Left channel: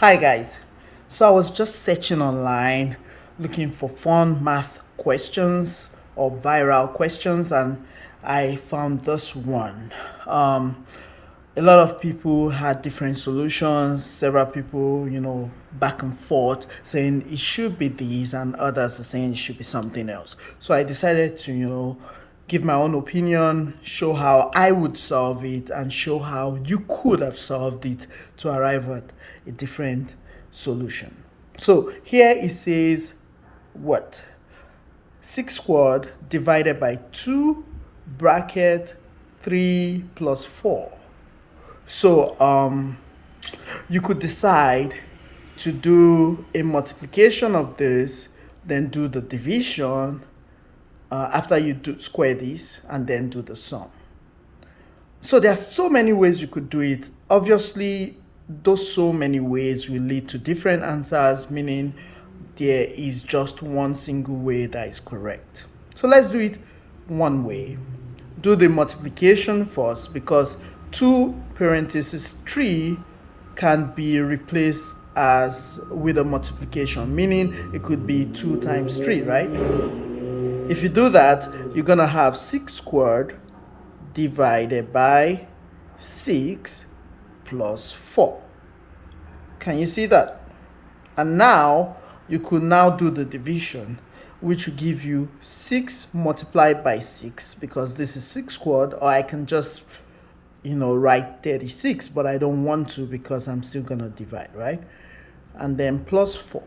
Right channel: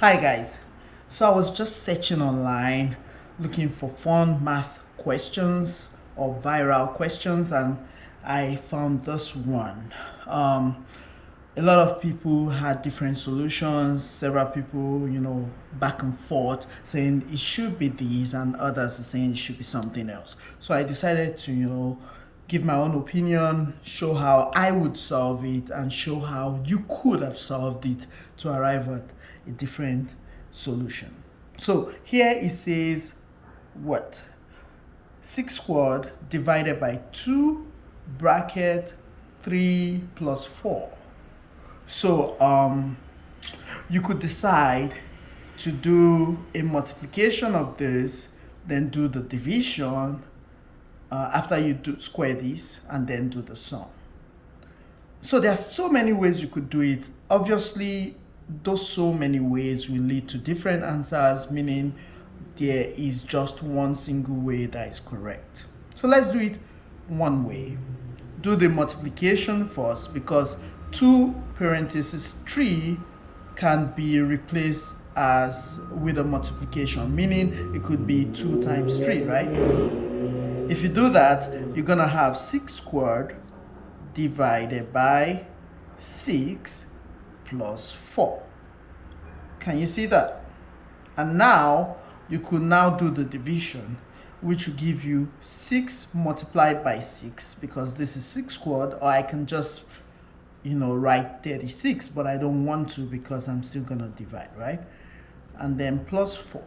Hi guys, so I was just searching online looking for fun math questions or viral questions, and I found this one. A lot of people had different solutions, several people, back and forth saying it should be these, and others are saying it should be something else. So I decided to, give my own opinion, show how I would solve it, and show how you could have solved it to arrive at a different solution. So here it says what? 6 squared divided by 2 bracket 3 plus 4. So you could decide to do a multiplication of this, then do the division after you square this, and then do the sum. So there are so many ways you could do it. Obviously, those so many ways will lead to different answers, meaning there is just one single way that is correct. So let's do it one way. Do the multiplication first, because 2 parentheses 3 can be replaced as with a multiplication, meaning it could be 2 times 3, right? If you do that, you're gonna have 6 squared divided by 6 plus 4. Can you see that? And now you could now do the division, which will give you 6 multiplied by 6, because this is 6 squared, or I can just write 36, but I don't want to because I'm still gonna divide, right? And then plus 4.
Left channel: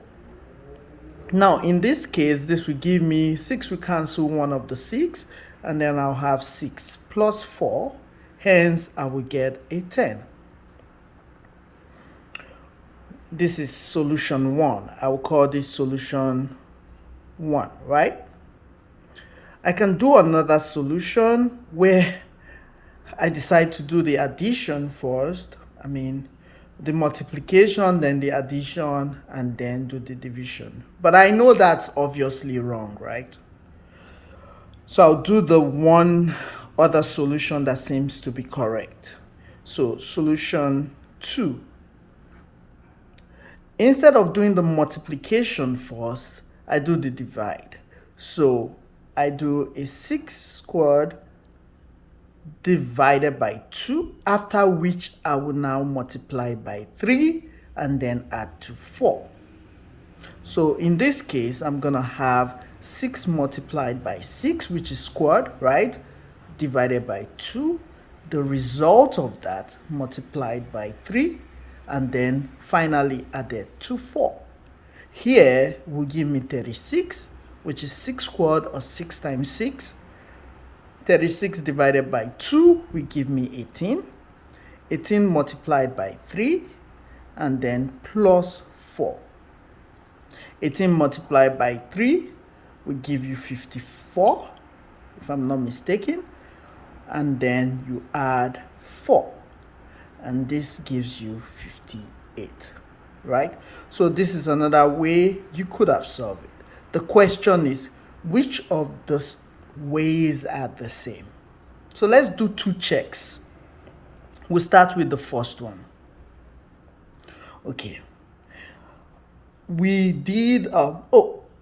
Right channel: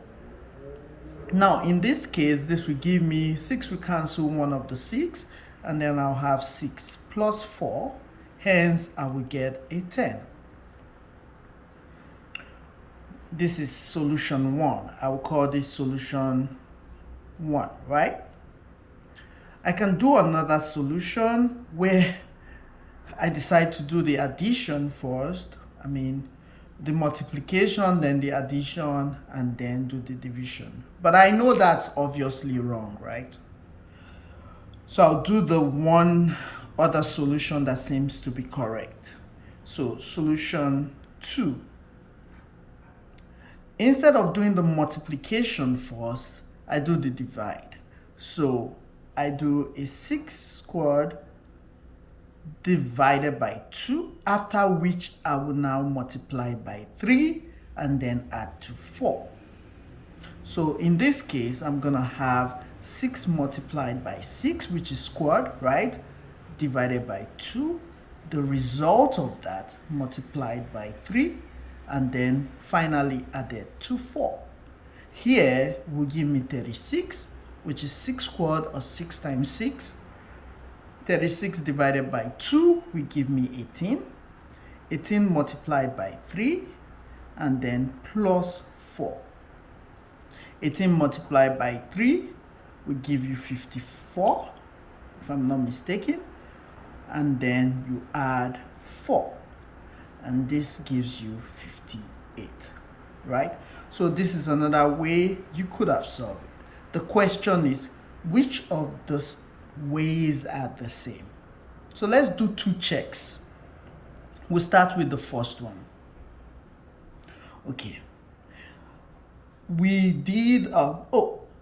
Now in this case, this will give me 6 will cancel one of the 6, and then I'll have 6 plus 4, hence I will get a 10. This is solution 1. I will call this solution 1, right? I can do another solution where I decide to do the addition first. The multiplication, then the addition, and then do the division. But I know that's obviously wrong, right? So I'll do the one other solution that seems to be correct. So solution 2. Instead of doing the multiplication first, I do the divide. So I do a 6 squared divided by 2, after which I will now multiply by 3 and then add to 4. So in this case, I'm going to have 6 multiplied by 6, which is squared, right? Divided by 2. The result of that multiplied by 3, and then finally added to 4. Here will give me 36, which is 6 squared, or 6 times 6. 36 divided by 2 will give me 18. 18 multiplied by 3, and then plus 4. 18 multiplied by 3 will give you 54, if I'm not mistaken. And then you add 4. And this gives you 58, right? So this is another way you could have solved it. The question is, which of those ways are the same? So let's do 2 checks. We'll start with the first one. Okay. We did,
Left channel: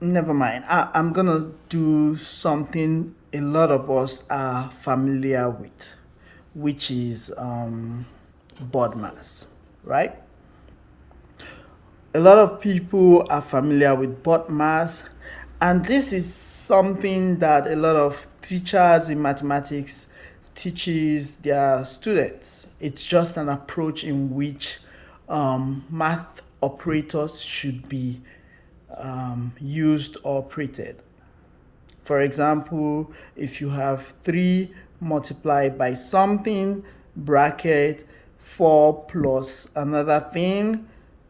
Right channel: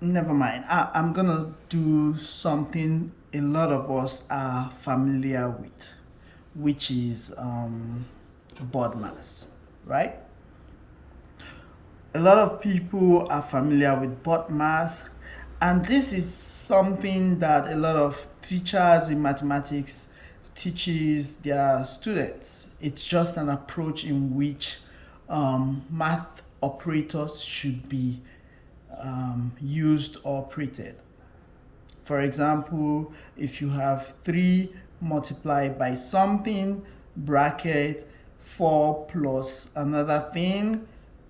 never mind. I'm gonna do something a lot of us are familiar with, which is BODMAS, right? A lot of people are familiar with BODMAS, and this is something that a lot of teachers in mathematics teaches their students. It's just an approach in which math operators should be used or operated. For example, if you have 3 multiplied by something, bracket 4 plus another thing,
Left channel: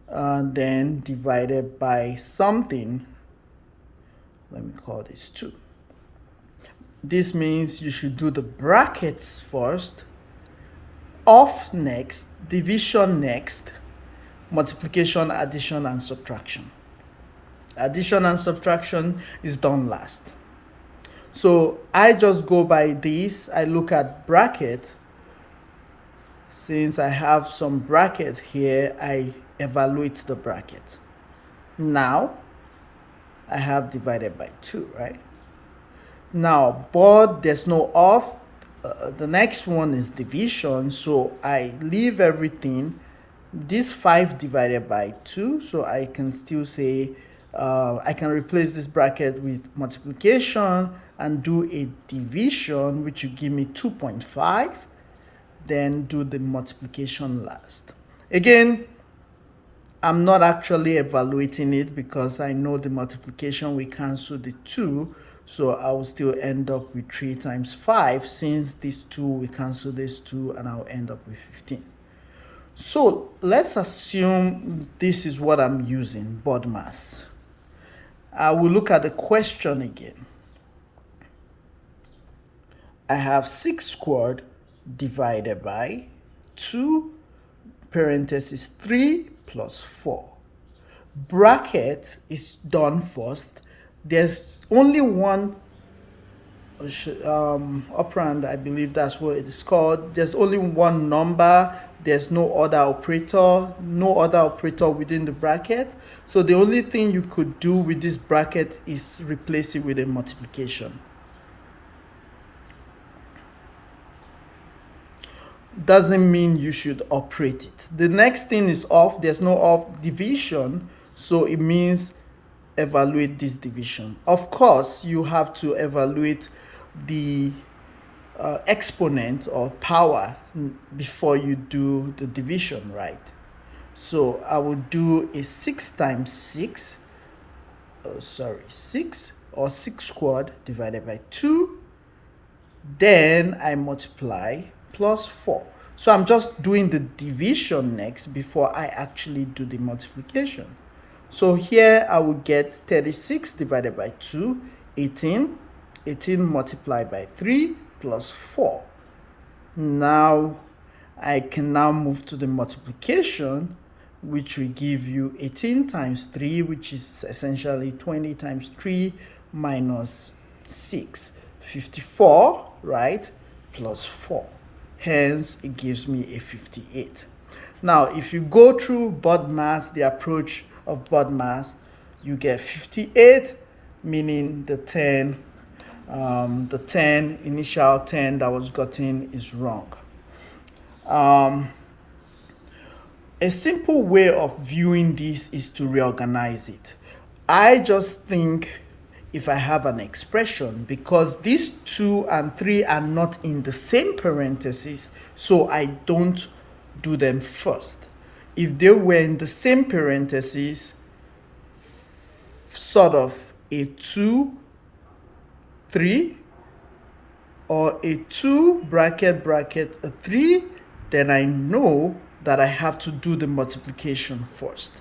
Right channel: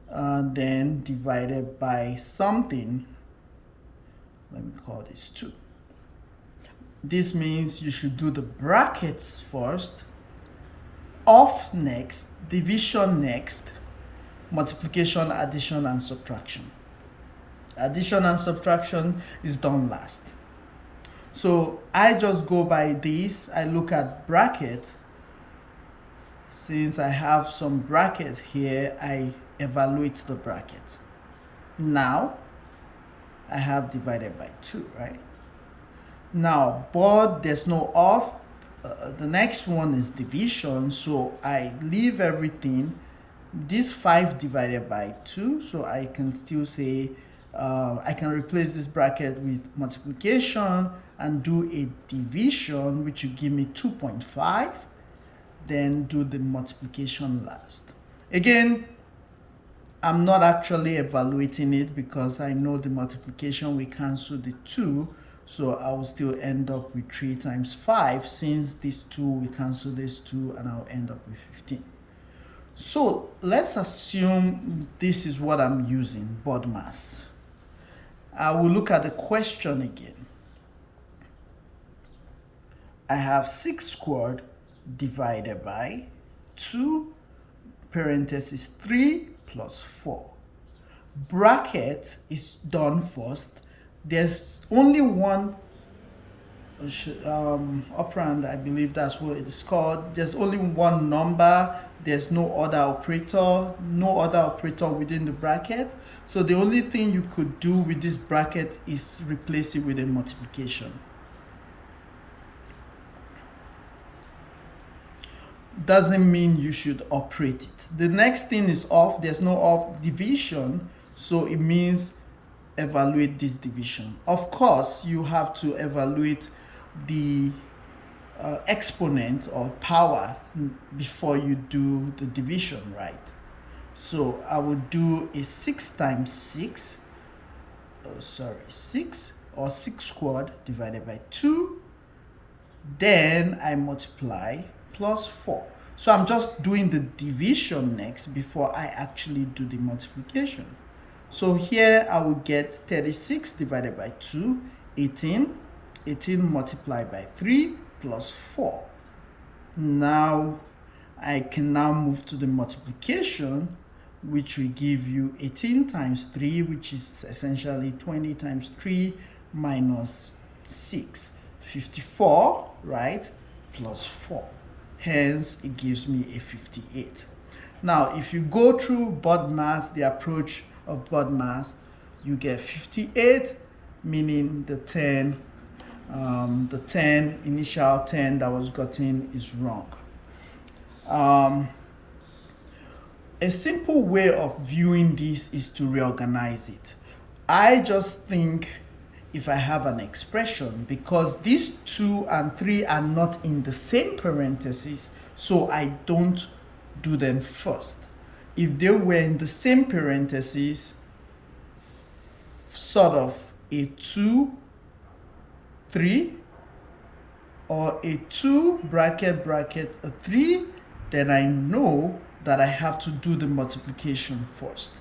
then divided by something, let me call this 2. This means you should do the brackets first, off next, division next, multiplication, addition, and subtraction. Addition and subtraction is done last. So I just go by this. I look at bracket. Since I have some bracket here, I evaluate the bracket. Now, I have divided by 2, right? Now, but there's no of. The next one is division, so I leave everything. This 5 divided by 2, so I can still say, I can replace this bracket with multiplication and do a division, which will give me 2.5. Then do the multiplication last. Again, I'm not actually evaluating it because I know the multiplication will cancel the 2, so I will still end up with 3 times 5, since this 2 will cancel this 2, and I'll end up with 15. So let's assume this is what I'm using, BODMAS. I will look at the question again. I have 6 squared divided by 2 parentheses 3 plus 4. Bracket is done first. There's only one operand, I believe that's what it is called. There's only one number. There's no other operator within the bracket. So the only thing you could do with this bracket is replace it with a multiplication. Doesn't mean you should operate it. The next thing is of. There's no of division, so it means evaluate this division. Of course, you have to evaluate the exponent or power before you do the division, right? So I will do a 6 times 6, 6 or 6 squared divided by 2. Then I multiply plus 4. So I'm just doing the division next before I actually do the multiplication. So here I will get 36 divided by 2, 18. 18 multiplied by 3 plus 4. Now I can now move to the multiplication, which will give you 18 times 3, which is essentially 20 times 3 minus 6. 54, right? Plus 4. Hence, it gives me a 58. Now, if you go through BODMAS, the approach of BODMAS, you get 58, meaning the 10 initial 10 that was gotten is wrong. A simple way of viewing this is to reorganize it. I just think if I have an expression, because these 2 and 3 are not in the same parentheses, so I don't do them first. If they were in the same parentheses, sort of a 2, 3, or a 2 bracket a 3, then I know that I have to do the multiplication first.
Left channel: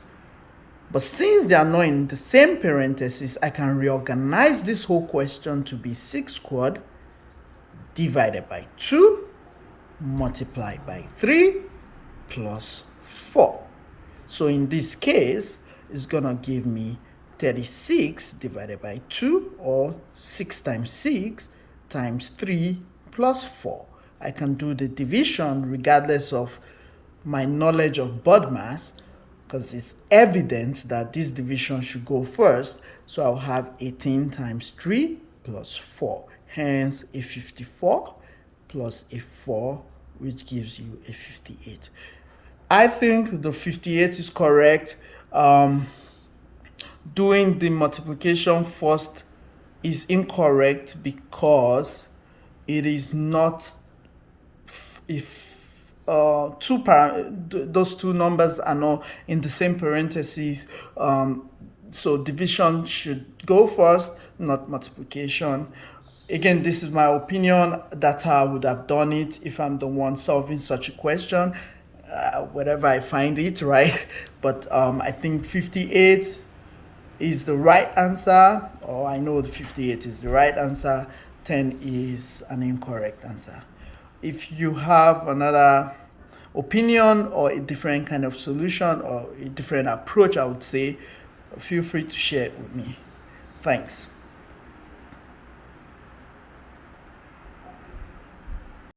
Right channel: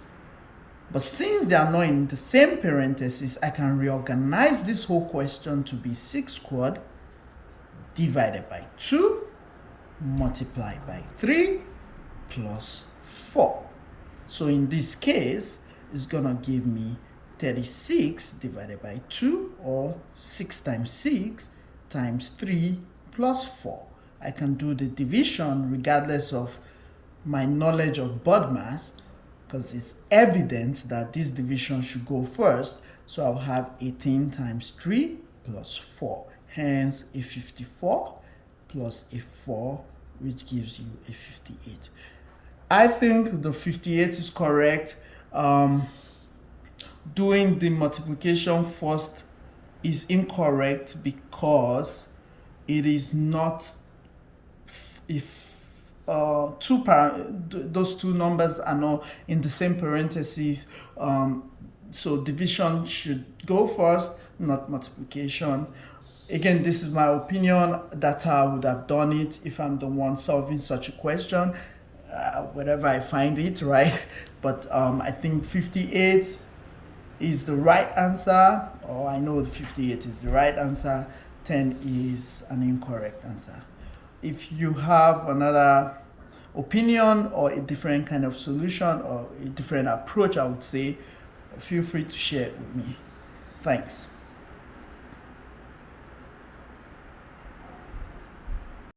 But since they are not in the same parentheses, I can reorganize this whole question to be 6 squared divided by 2 multiplied by 3 plus 4. So in this case, it's going to give me 36 divided by 2, or 6 times 6 times 3 plus 4. I can do the division regardless of my knowledge of BODMAS, because it's evident that this division should go first. So I'll have 18 times 3 plus 4. Hence, a 54 plus a 4, which gives you a 58. I think the 58 is correct. Doing the multiplication first is incorrect because it is not, if those two numbers are not in the same parentheses, so division should go first, not multiplication. Again, this is my opinion. That's how I would have done it if I'm the one solving such a question, wherever I find it, right? But I think 58 is the right answer, or I know the 58 is the right answer. 10 is an incorrect answer. If you have another opinion or a different kind of solution or a different approach, I would say, feel free to share it with me. Thanks.